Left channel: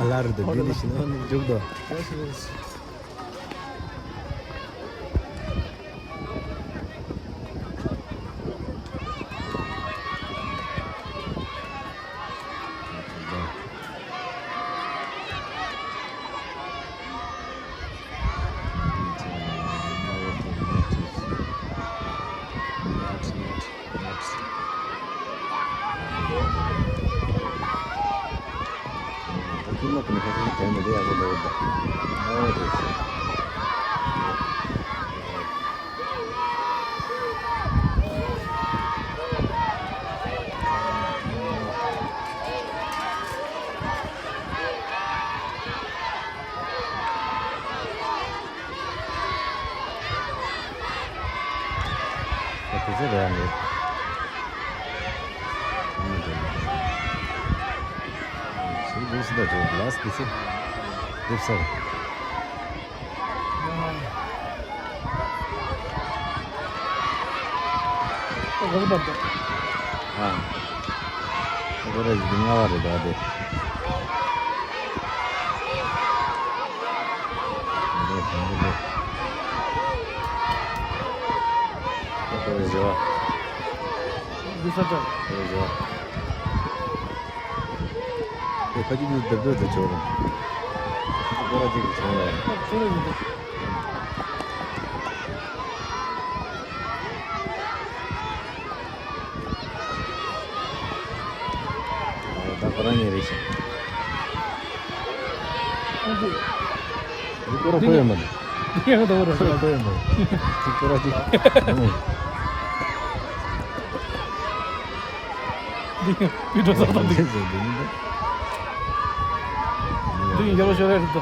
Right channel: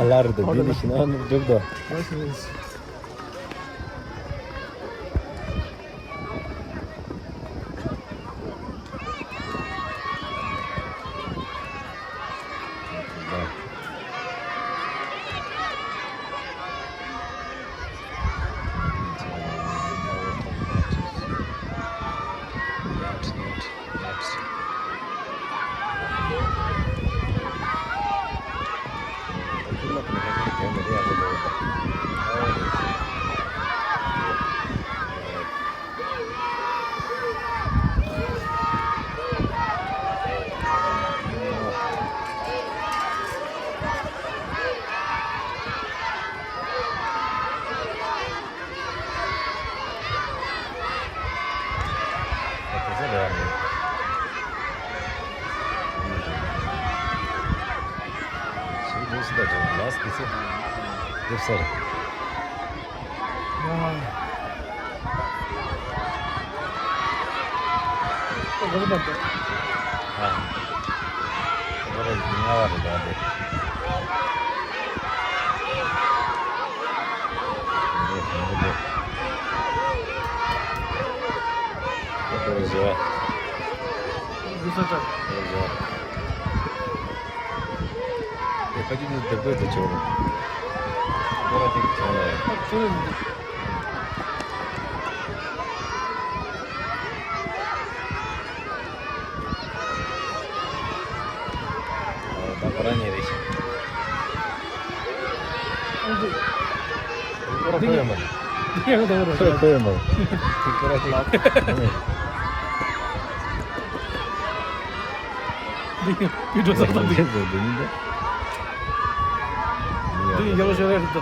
Alardı, bir işine anlayacaktı. Güzel yani. Şimdi burası da çok lastiği. Hep sarı. Orada dünya var ya hadi. Добрый дела. Высота. Добрый дела. Я хочу не добыть до чего. Город не знаю. Так ранее речь. Скоро поймали. Скоро поймали. Video zaten değil. Değil, yavaş yavaş gitti.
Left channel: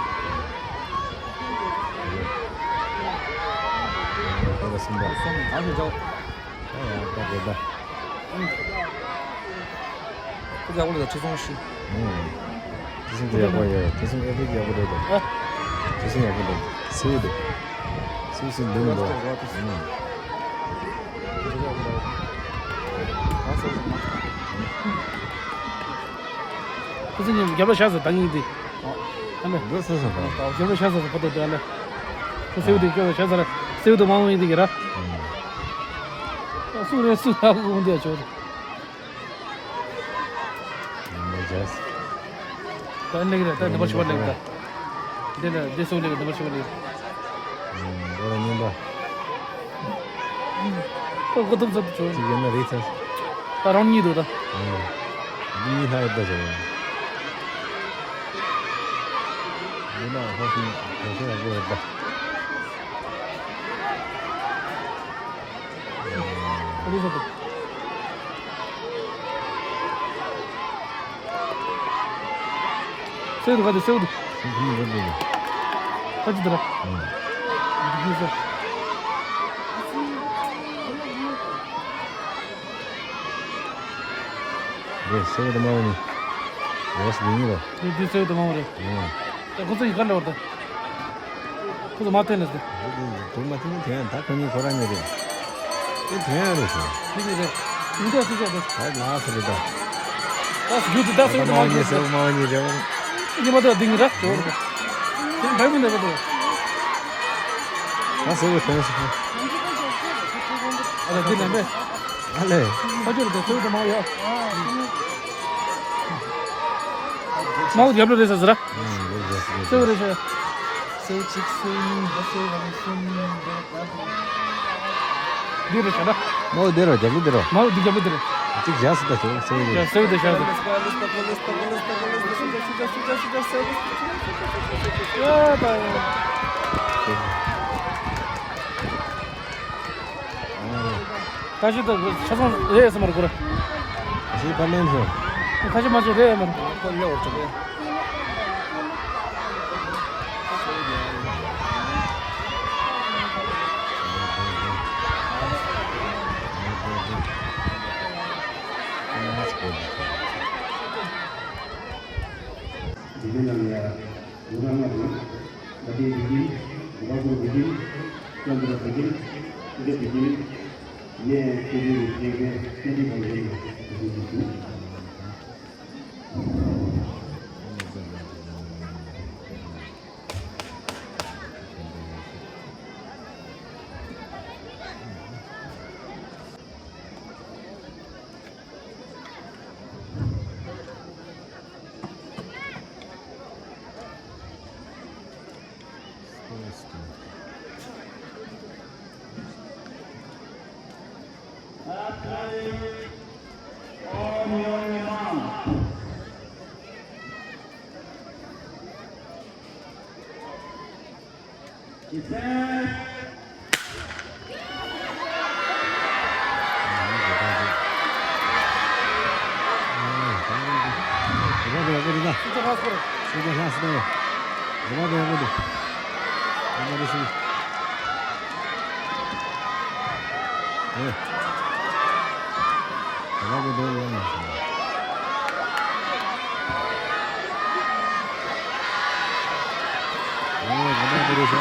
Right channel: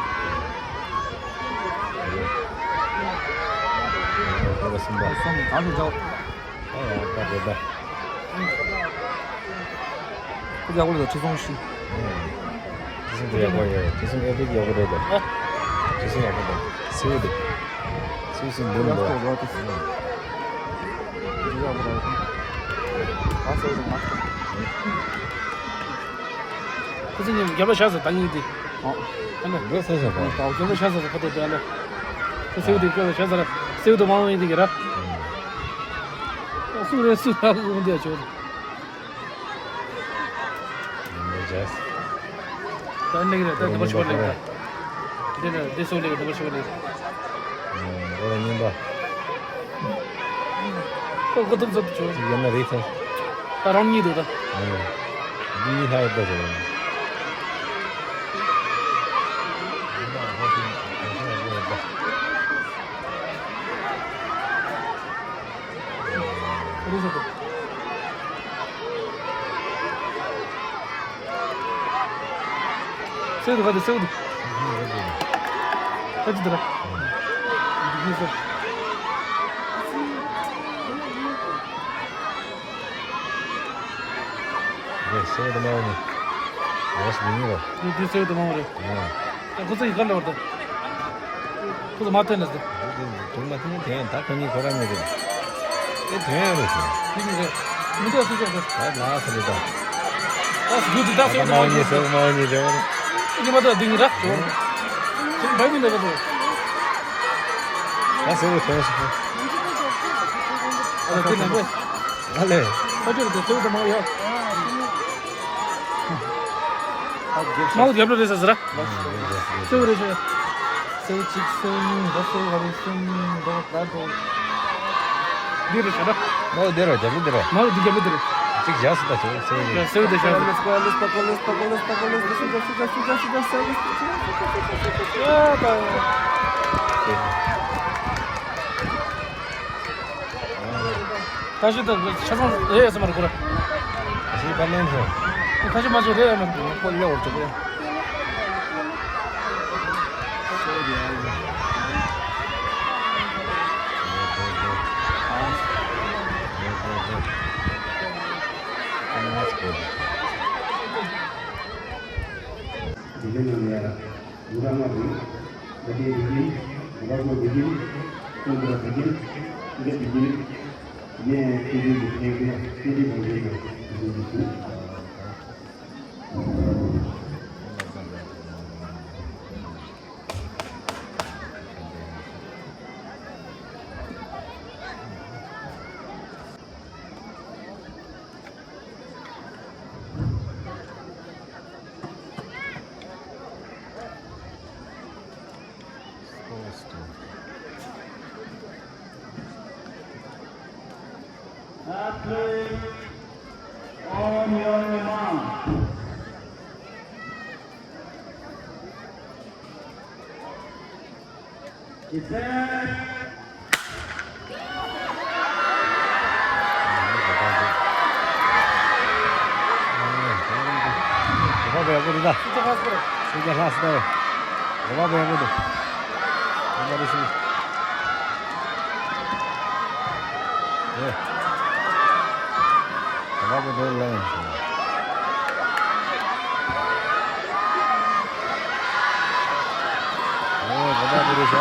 Abi cevap. Ya bak orada. Ya burada çizilmiş. Kesin de yapıyor. Kesin evdeki yapıyor da. Kesin yapıyor da. Sevdi. Sevsin dönü bak. 선생님 개발셔서 당연히 뭐 써서 봐. 개발셔서 그때 전에 새우도 개발셔서 새우도 많이 되게라. 술에 술하고 문제야 저. 뭐지? 다른 얘기는 또 같이 말해. This only, the machine only. Ora nimba. So good to see. Yana rita. Around you, though. Di hai da jo. Yana hopi hopi da. What is it? Save the save. What's the Yes, save the money. Yes, dinero. You save the money. What's the color of the? To the mountain is the. Tu ma tin the ta kani kora ni de. E the ro so. You go to the. Ai la sa de da. That's good. That's Ta ma ni so ma ni de. 이게 뭐다 dingira? 지금 밟은 데거든. Ta se ve tenso. 아, 근데 Ale. 사실은 더 좋은 거 뭐야? 뭐 개별 돼서 저라? 서울에서 서울 직선 버스 가는 거 가고. 뒤로 가라. No dero, jabu dero. 뭐 뒤에 뭐 들어? Tik jas da jo, se ve. 서울대 가고. 다시 또 차선 내에서 말을 걸어. Asi palen ho. 다시 맞아 내야 말을 걸어. 걸려 어쩌고. Dengan orang lagi, bagi begini, baru begini, kalau begini, tidak begini, dia jadi begini. On your mark. Vamos ver agora. 진짜 가서 그래. Siga ras da. Vamos ver agora. Vamos ver se. Vamos ver lá. Vamos ver já.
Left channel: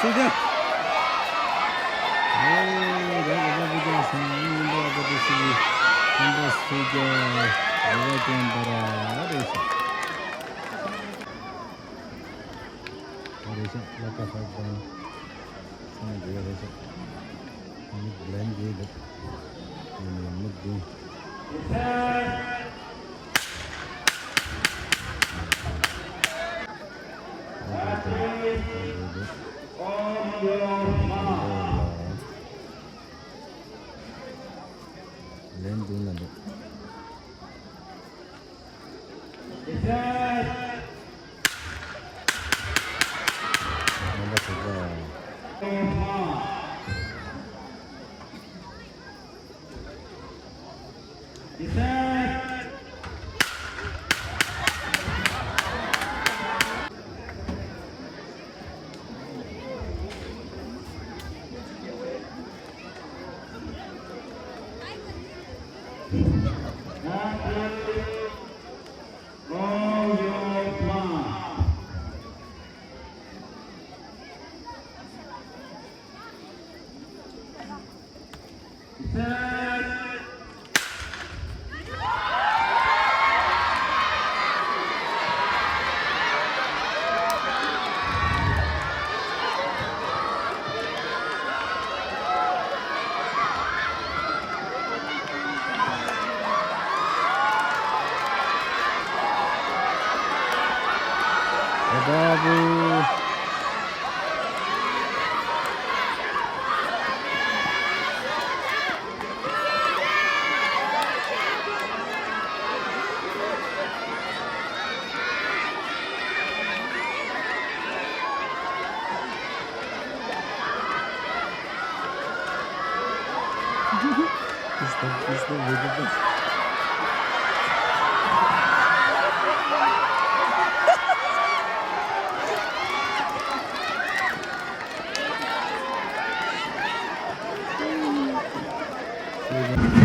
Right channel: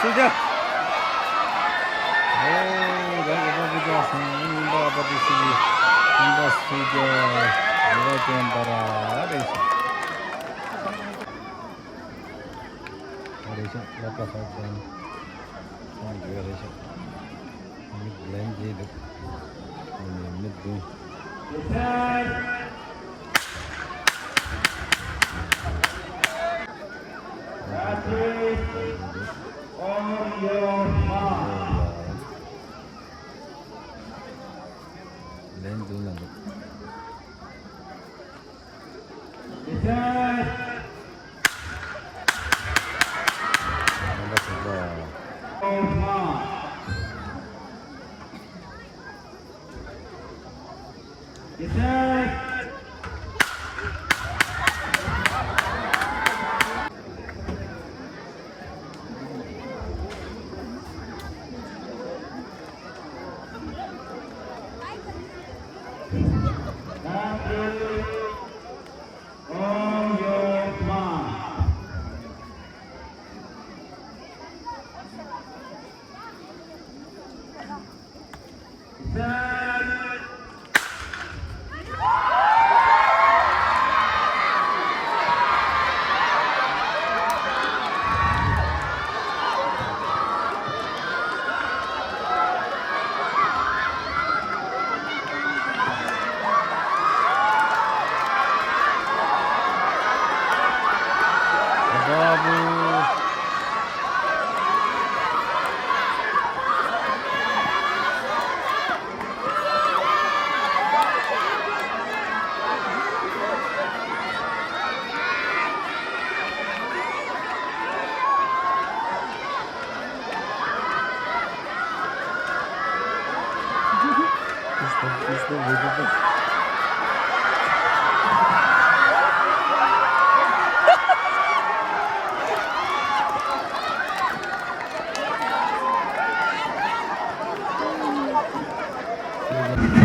Sudah. Dah semua apa di sini. Sudah. Ada yang ada itu. Ada itu apa saja. Ada itu. Ini blend dia. Ini tu. On your mark. Blend dulu nanti. Nampak sudah. On your 바보. Biz de vurdu. Thank you.